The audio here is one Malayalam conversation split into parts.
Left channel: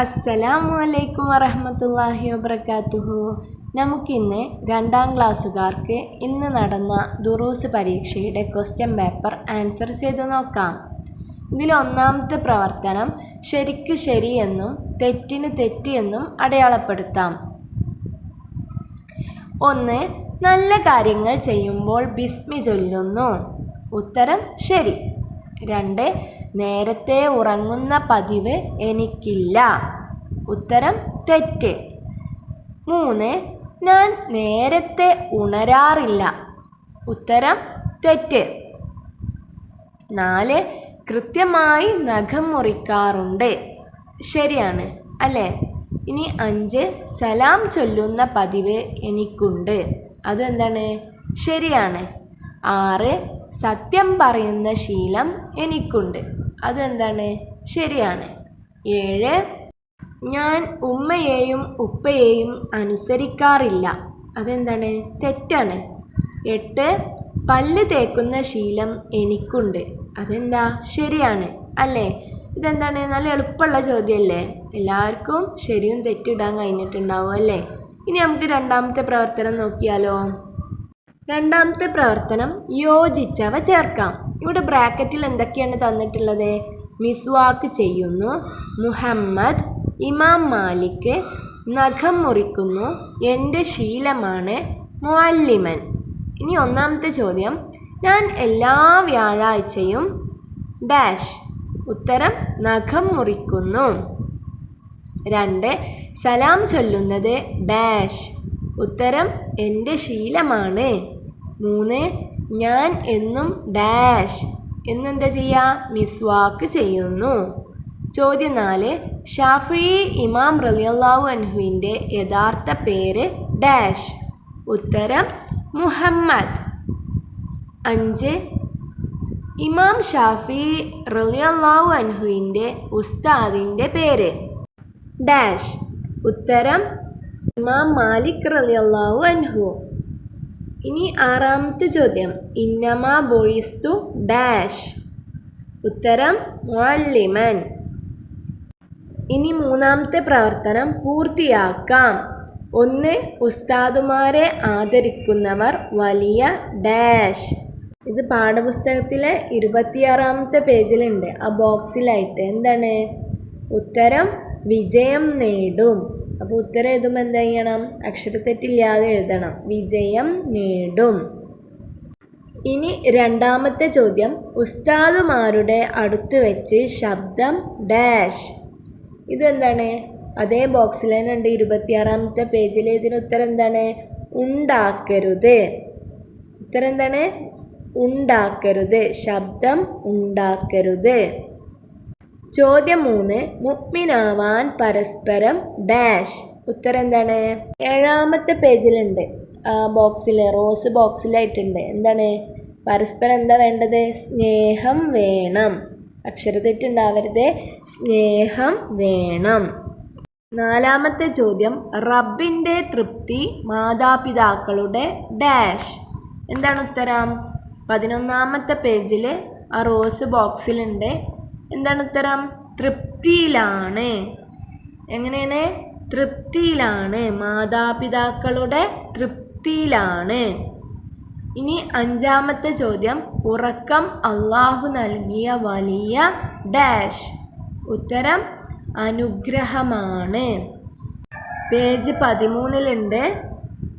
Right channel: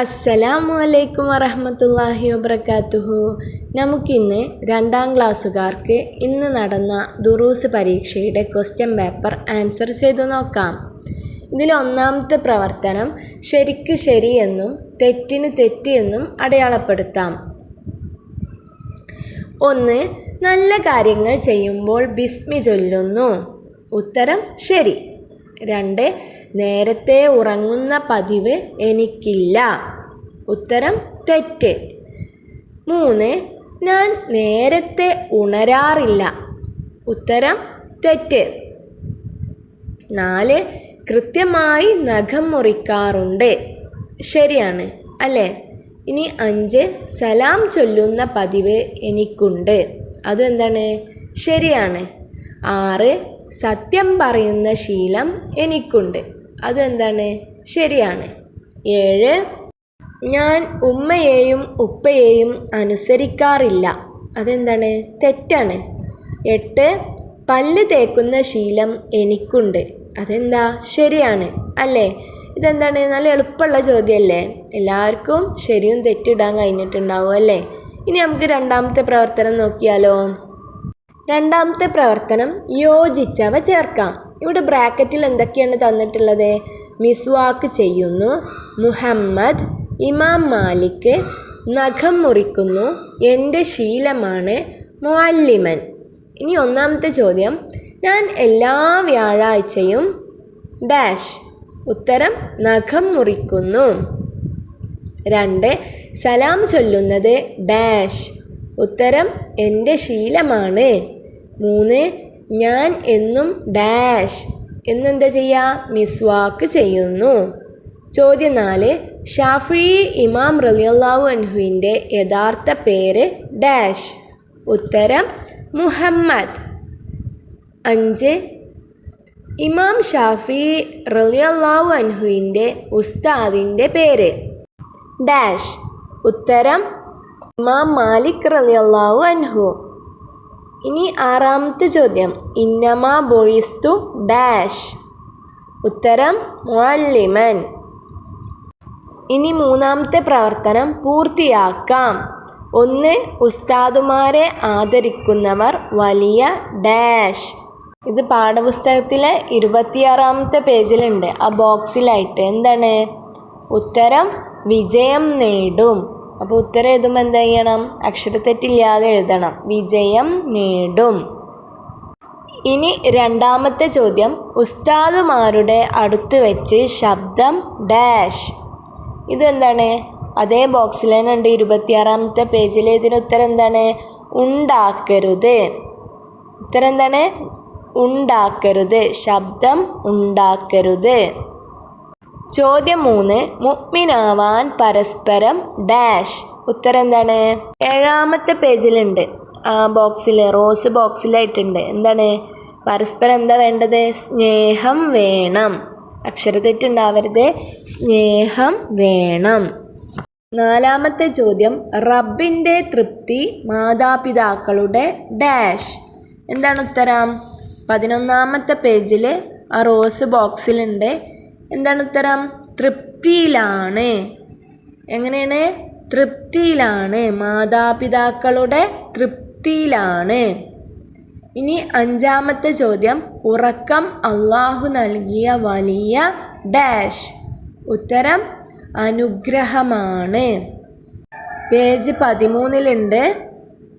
അസ്സലാമു അലൈക്കും വറഹ്മത്തുള്ളാഹി വബറകാതുഹു. നമുക്കിന്ന് 2ാം ക്ലാസ്സുകാർക്ക് ഇന്ന് നടന്ന ദുറൂസ് പരീക്ഷയുടെ ക്വസ്റ്റ്യൻ പേപ്പർ ആൻസർ ചെയ്തു നോക്കാം. ഇതിൽ ഒന്നാമത്തെ പ്രവർത്തനം ശരിക്ക് ശരിയെന്നും തെറ്റിന് തെറ്റ് എന്നും അടയാളപ്പെടുത്താം. 1. നല്ല കാര്യങ്ങൾ ചെയ്യുമ്പോൾ ബിസ്മി ചൊല്ലുന്നു. ഉത്തരം ശരി. 2. നേരത്തെ ഉറങ്ങുന്ന പതിവ് എനിക്കില്ല. ഉത്തരം തെറ്റ്. 3. ഞാൻ നേരത്തെ ഉണരാറില്ല. ഉത്തരം തെറ്റ്. 4. കൃത്യമായി നഖം മുറിക്കാറുണ്ട്. ശരിയാണ് അല്ലേ? ഇനി 5. സലാം ചൊല്ലുന്ന പതിവ് എനിക്കുണ്ട്. അതും എന്താണ്? ശരിയാണ്. 6. സത്യം പറയുന്ന ശീലം എനിക്കുണ്ട്. അതും എന്താണ്? ശരിയാണ്. 7. ഞാൻ ഉമ്മയെയും ഉപ്പയെയും അനുസരിക്കാറില്ല. അതെന്താണ്? തെറ്റാണ്. 8. പല്ല് തേക്കുന്ന ശീലം എനിക്കുണ്ട്. അതെന്താ? ശരിയാണ് അല്ലേ? ഇതെന്താണ്? നല്ല എളുപ്പമുള്ള ചോദ്യമല്ലേ? എല്ലാവർക്കും ശരിയും തെറ്റിടാൻ കഴിഞ്ഞിട്ടുണ്ടാവും അല്ലേ? ഇനി നമുക്ക് 2ാമത്തെ പ്രവർത്തനം നോക്കിയാലോ? 2ാമത്തെ പ്രവർത്തനം യോജിച്ചവ ചേർക്കാം. ഇവിടെ ബ്രാക്കറ്റിൽ എന്തൊക്കെയാണ് തന്നിട്ടുള്ളത്? മിസ്വാക്ക് ചെയ്യുന്നു, മുഹമ്മദ്, ഇമാം മാലിക്, നഖം മുറിക്കുന്നു, എൻ്റെ ശീലമാണ്, മുഅല്ലിമൻ. ഇനി 1ാമത്തെ ചോദ്യം, ഞാൻ എല്ലാ വ്യാഴാഴ്ചയും ഡാഷ്. ഉത്തരം നഖം മുറിക്കുന്നു. 2. സലാം ചൊല്ലുന്നത് ഡാഷ്. ഉത്തരം എൻ്റെ ശീലമാണ്. 3. ഞാൻ എന്നും ഡാഷ് എന്നെന്താ ചെയ്യുക? മിസ്വാക്ക് ചെയ്യുന്നു. ചോദ്യം 4. ഷാഫിഈ ഇമാം റളിയല്ലാഹു അൻഹുവിൻ്റെ യഥാർത്ഥ പേര് ഡാഷ്. ഉത്തരം മുഹമ്മദ്. 5. ഇമാം ഷാഫിഈ റളിയല്ലാഹു അൻഹുവിൻ്റെ ഉസ്താദിൻ്റെ പേര് ഡാഷ്. ഉത്തരം ഇമാം മാലിക് റളിയല്ലാഹു അൻഹു. ഇനി 6ാമത്തെ ചോദ്യം, ഇന്നമാ ബുഇസ്തു ഡാഷ്. ഉത്തരം മുഅല്ലിമൻ. ഇനി 3ാമത്തെ പ്രവർത്തനം പൂർത്തിയാക്കാം. 1. ഉസ്താദുമാരെ ആദരിക്കുന്നവർ വലിയ ഡാഷ്. ഇത് പാഠപുസ്തകത്തിലെ 26ാമത്തെ പേജിലുണ്ട്. ആ ബോക്സിലായിട്ട് എന്താണ്? ഉത്തരം വിജയം നേടും. അപ്പോൾ ഉത്തരം എഴുതുമ്പോൾ എന്താ ചെയ്യണം? അക്ഷരത്തെറ്റില്ലാതെ എഴുതണം. വിജയം നേടും. ഇനി 2ാമത്തെ ചോദ്യം, ഉസ്താദുമാരുടെ അടുത്ത് വെച്ച് ശബ്ദം ഡാഷ്. ഇതെന്താണ്? അതേ ബോക്സിൽ തന്നെ ഉണ്ട്, 26ാമത്തെ പേജിൽ. ഇതിന് ഉത്തരം എന്താണ്? ഉണ്ടാക്കരുത്. ഉത്തരം എന്താണ്? ഉണ്ടാക്കരുത്. ശബ്ദം ഉണ്ടാക്കരുത്. ചോദ്യം 3. മുഅ്മിനാവാൻ പരസ്പരം ഡാഷ്. ഉത്തരം എന്താണ്? 7ാമത്തെ പേജിലുണ്ട്. ആ ബോക്സിൽ റോസ് ബോക്സിലായിട്ടുണ്ട്. എന്താണ്? പരസ്പരം എന്താ വേണ്ടത്? സ്നേഹം വേണം. അക്ഷരത്തെറ്റുണ്ടാവരുത്. സ്നേഹം വേണം. 4ാമത്തെ ചോദ്യം, റബ്ബിൻ്റെ തൃപ്തി മാതാപിതാക്കളുടെ ഡാഷ്. എന്താണ് ഉത്തരം? 11ാമത്തെ പേജിൽ ആ റോസ് ബോക്സിലുണ്ട്. എന്താണ് ഉത്തരം? തൃപ്തിയിലാണ്. എങ്ങനെയാണ്? തൃപ്തിയിലാണ്. മാതാപിതാക്കളുടെ തൃപ്തിയിലാണ്. ഇനി 5ാമത്തെ ചോദ്യം, ഉറക്കം അള്ളാഹു നൽകിയ വലിയ ഡാഷ്. ഉത്തരം അനുഗ്രഹമാണ്. പേജ് 13ലുണ്ട്.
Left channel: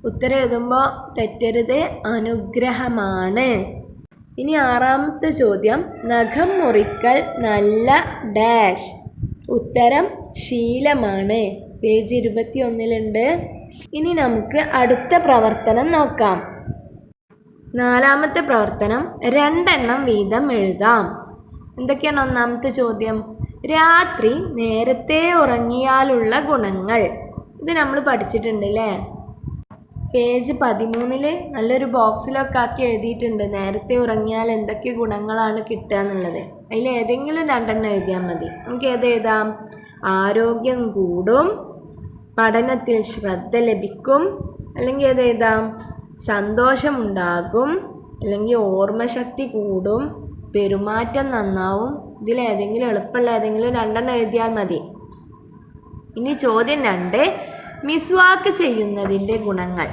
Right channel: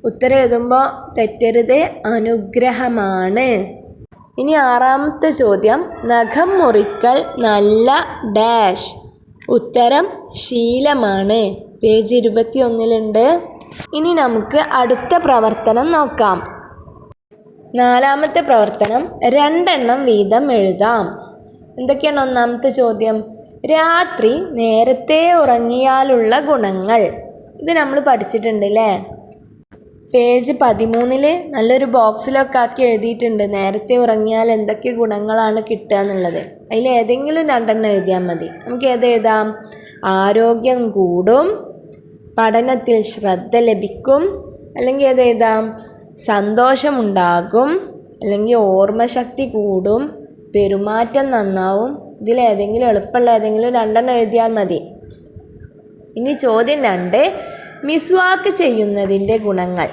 ഉത്തരം എഴുതുമ്പോൾ തെറ്റരുത്. അനുഗ്രഹമാണ്. ഇനി 6ാമത്തെ ചോദ്യം, നഖം മുറിക്കൽ നല്ല ഡാഷ്. ഉത്തരം ശീലമാണ്. പേജ് 21ലുണ്ട്. ഇനി നമുക്ക് അടുത്ത പ്രവർത്തനം നോക്കാം. 4ാമത്തെ പ്രവർത്തനം 2 വീതം എഴുതാം. എന്തൊക്കെയാണ് 1ാമത്തെ ചോദ്യം? രാത്രി നേരത്തെ ഉറങ്ങിയാലുള്ള ഗുണങ്ങൾ. ഇത് നമ്മൾ പഠിച്ചിട്ടുണ്ട് അല്ലേ? പേജ് 13 നല്ലൊരു ബോക്സിലൊക്കെ ആക്കി എഴുതിയിട്ടുണ്ട്. നേരത്തെ ഉറങ്ങിയാൽ എന്തൊക്കെ ഗുണങ്ങളാണ് കിട്ടുക എന്നുള്ളത്. അതിൽ ഏതെങ്കിലും 2 എഴുതിയാൽ മതി. നമുക്ക് ഏതെഴുതാം? ആരോഗ്യം കൂടും, പഠനത്തിൽ ശ്രദ്ധ ലഭിക്കും, അല്ലെങ്കിൽ ഏതെഴുതാം? സന്തോഷമുണ്ടാകും, അല്ലെങ്കിൽ ഓർമ്മശക്തി കൂടും, പെരുമാറ്റം നന്നാവും. ഇതിലേതെങ്കിലും എളുപ്പമുള്ള ഏതെങ്കിലും 2 എഴുതിയാൽ മതി. ഇനി ചോദ്യം 2, മിസ്വാക്ക് ചെയ്യുന്നതിൻ്റെ ഗുണങ്ങൾ.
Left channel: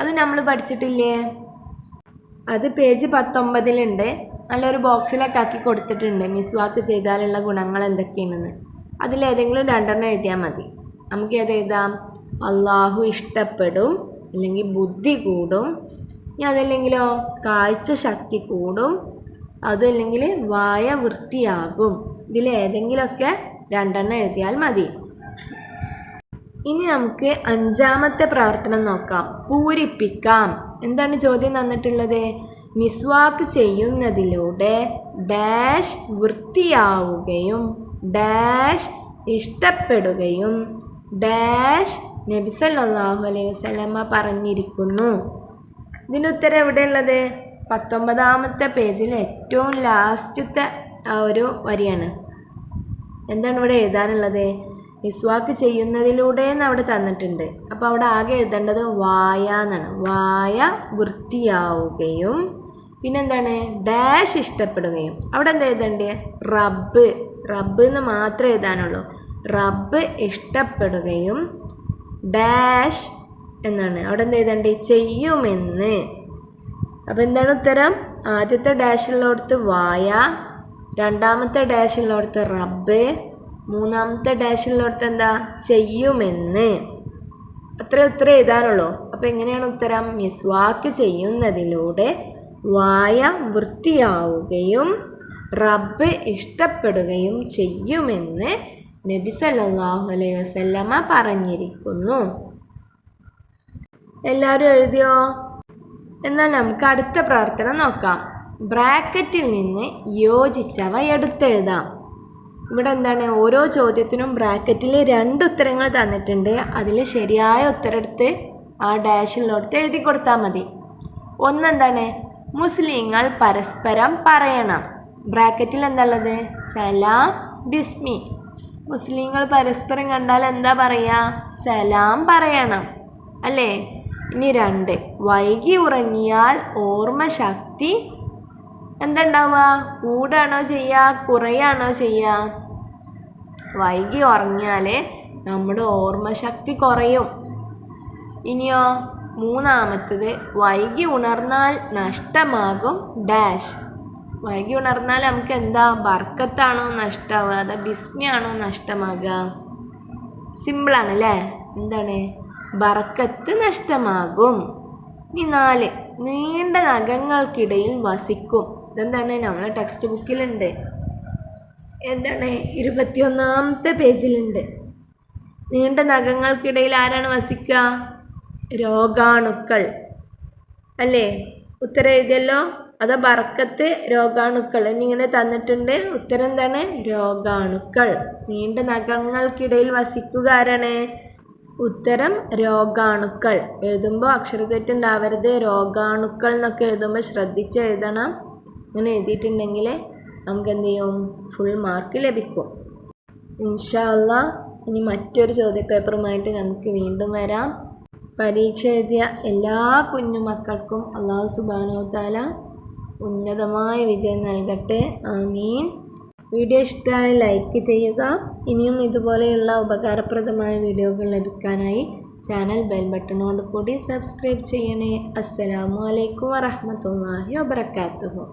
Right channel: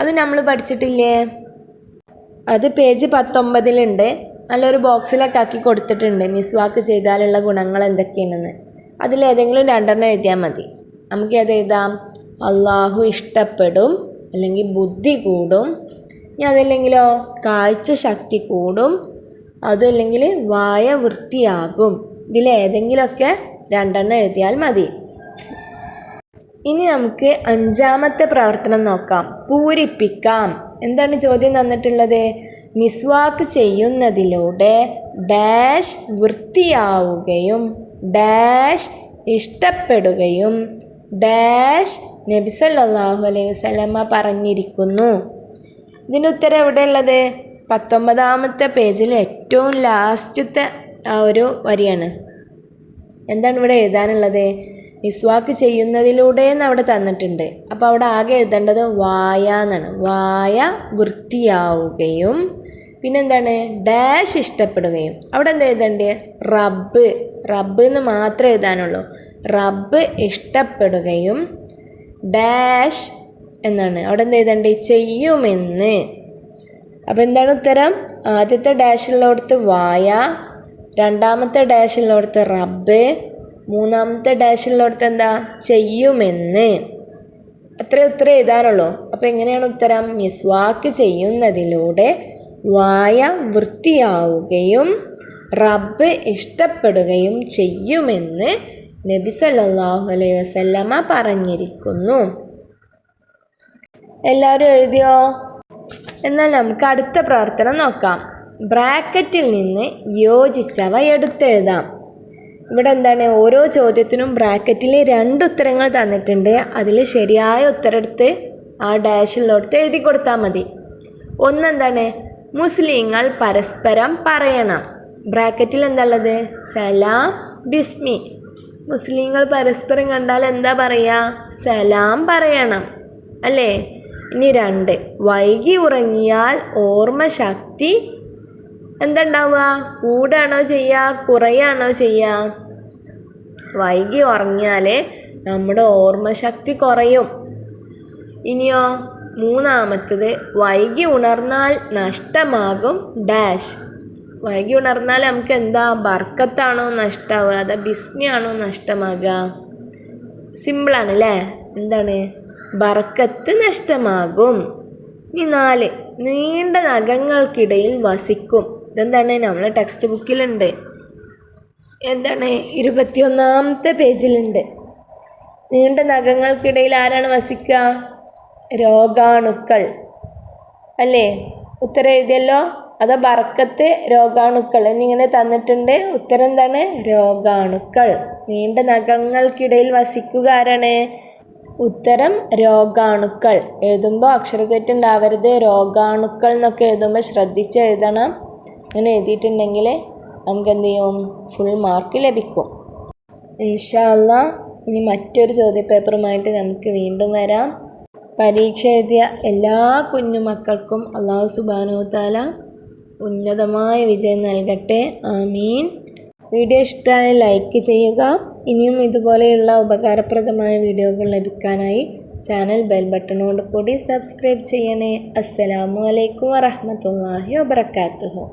അത് നമ്മൾ പഠിച്ചിട്ടില്ലേ? അത് പേജ് 19 നല്ലൊരു ബോക്സിലൊക്കെ ആക്കി കൊടുത്തിട്ടുണ്ട്. മിസ്വാക്ക് ചെയ്താലുള്ള ഗുണങ്ങൾ എന്തൊക്കെയാണെന്ന്. അതിലേതെങ്കിലും 2 എഴുതിയാൽ മതി. നമുക്ക് അത് എഴുതാം. അള്ളാഹു ഇഷ്ടപ്പെടും, അല്ലെങ്കിൽ ബുദ്ധി കൂടും. ഇനി അതല്ലെങ്കിലോ കാഴ്ച ശക്തി കൂടും, അതുമല്ലെങ്കിൽ വായ വൃത്തിയാകും. ഇതിലേതെങ്കിലുമൊക്കെ 2 എഴുതിയാൽ മതി. ഇനി നമുക്ക് 5ാമത്തെ പ്രവർത്തനം നോക്കാം. പൂരിപ്പിക്കാം. എന്താണ് ചോദ്യം തന്നിട്ടുള്ളത്? മിസ്വാക്ക് ചെയ്യുന്നതിലൂടെ ഡാഷ് വൃത്തിയാവുകയും ഡാഷ് ഇഷ്ടപ്പെടുകയും ഡാഷ് നബി സല്ലല്ലാഹു അലൈഹി വസല്ലമ പറഞ്ഞിരിക്കുന്നു. ഇതിൻ്റെ ഉത്തരം എവിടെയുള്ളത്? 19ാമത്തെ പേജിൽ ഏറ്റവും ലാസ്റ്റത്തെ ആ ഒരു വരിയാണ്. എന്താണ് ഇവിടെ എഴുതാനുള്ളത്? മിസ്വാക്ക് ചെയ്യുന്നതിലൂടെ എന്ന് അവിടെ തന്നിട്ടുണ്ട്. അപ്പോൾ അവിടെ ആകെ എഴുതേണ്ടത് വായ എന്നാണ്. വായ വൃത്തിയാവുകയും പിന്നെന്താണ് ഡാഷ് ഇഷ്ടപ്പെടുകയും. അവിടെ എന്താ എഴുതേണ്ടത്? റബ്ബ് എന്ന് മാത്രമേ എഴുതാനുള്ളൂ. റബ്ബ് ഇഷ്ടപ്പെടുകയും ഡാഷ് എന്നാണ് അവിടെ എന്താ എഴുതേണ്ടത്? ചെയ്യുമെന്ന്. അപ്പോൾ എന്താണ് ഉത്തരം? ആദ്യത്തെ ഡാഷുള്ളടത്ത് വായ, 2ാമത്തെ ഡാഷുള്ളടത്ത് റബ്ബ്, 3ാമത്തെ ഡാഷുള്ളടത്ത് എന്താ? ചെയ്യുമെന്ന്. അത്ര ഉത്തരം എഴുതാനുള്ളൂ. അപ്പോൾ എങ്ങനെയാണ് ഉത്തരം? മിസ്വാക്ക് ചെയ്യുന്നതിലൂടെ വായ വൃത്തിയാവുകയും റബ്ബ് ഇഷ്ടപ്പെടുകയും ചെയ്യുമെന്ന് നബി സല്ലല്ലാഹു അലൈഹി വസല്ലമ പറഞ്ഞിരിക്കുന്നു. എല്ലാവരും എഴുതിയോ? എന്നാൽ നമുക്ക് അടുത്ത പ്രവർത്തനം നോക്കാം. ബ്രാക്കറ്റിൽ നിന്ന് യോജിച്ചവ എടുത്തെഴുതാം. ഇവിടെ എന്താണ്? ഓരോ ചോദ്യത്തിനും ബ്രാക്കറ്റിൽ 2 ഉത്തരങ്ങൾ തന്നിട്ടുണ്ട്. അതിൽ ശരിയായ ഉത്തരം എടുത്ത് ആ ഡാഷിലോട്ട് എഴുതി കൊടുത്താൽ മതി. ഒന്നെന്താണ്? മുസ്ലിങ്ങൾ പരസ്പരം പറയണം. ബ്രാക്കറ്റിൽ എന്താ ഉള്ളത്? സലാം, ബിസ്മി. മുസ്ലിങ്ങൾ പരസ്പരം കണ്ടാൽ എന്താ പറയുക? സലാം പറയണം അല്ലേ? ഇനി 2, വൈകി ഉറങ്ങിയാൽ ഓർമ്മശക്തി എന്തുണ്ടാവുക? കൂടാണോ ചെയ്യുക, കുറയാണോ ചെയ്യുക? വൈകി ഉറങ്ങിയാൽ നമ്മുടെ ഓർമ്മശക്തി കുറയും. ഇനിയോ 3ാമത്തേത്, വൈകി ഉണർന്നാൽ നഷ്ടമാകും ഡാഷ്. വൈകി ഉണർന്നാൽ നമുക്ക് എന്താ? ബർക്കത്താണോ നഷ്ടമാവുക, അതോ ബിസ്മിയാണോ നഷ്ടമാകുക? സിമ്പിളാണ് അല്ലേ? എന്താണ്? ബർക്കത്ത് നഷ്ടമാകും. ഇനി 4, നീണ്ട നഖങ്ങൾക്കിടയിൽ വസിക്കും. ഇതെന്താണ്? നമ്മളെ ടെക്സ്റ്റ് ബുക്കിലുണ്ട്. എന്താണ്? 21ാമത്തെ പേജിലുണ്ട്. നീണ്ട നഖങ്ങൾക്കിടയിൽ ആരാണ് വസിക്കുക? രോഗാണുക്കൾ അല്ലേ? ഉത്തരം എഴുതിയല്ലോ. അതോ ബർക്കത്ത്, രോഗാണുക്കൾ എന്നിങ്ങനെ തന്നിട്ടുണ്ട്. ഉത്തരം എന്താണ്? രോഗാണുക്കൾ. നീണ്ട നഖങ്ങൾക്കിടയിൽ വസിക്കുക ആരാണ്? ഉത്തരം രോഗാണുക്കൾ. എഴുതുമ്പോൾ അക്ഷരത്തെറ്റുണ്ടാവരുത്. രോഗാണുക്കൾ എന്നൊക്കെ എഴുതുമ്പോൾ ശ്രദ്ധിച്ച് എഴുതണം. അങ്ങനെ എഴുതിയിട്ടുണ്ടെങ്കിൽ നമുക്ക് എന്ത് ചെയ്യും? ഫുൾ മാർക്ക് ലഭിക്കും. ഇൻഷാ അല്ലാഹ് ഇനി മറ്റൊരു ചോദ്യപേപ്പറുമായിട്ട് നമുക്ക് വീണ്ടും വരാം. പരീക്ഷ എഴുതിയ എല്ലാ കുഞ്ഞുമക്കൾക്കും അല്ലാഹു സുബ്ഹാനഹു തആല ഉന്നതമായ വിജയം നൽകട്ടെ. ആമീൻ. വീഡിയോ ഇഷ്ടമായി ലൈക്ക് ചെയ്യുക. ഇനിയും ഇതുപോലെയുള്ള ഉപകാരപ്രദമായ വീഡിയോകൾ ലഭിക്കാനായി ചാനൽ ബെൽ ബട്ടണോട് കൂടി സബ്സ്ക്രൈബ് ചെയ്യണേ. അസ്സലാമു അലൈക്കും വറഹ്മത്തുള്ളാഹി വബറകാതുഹു.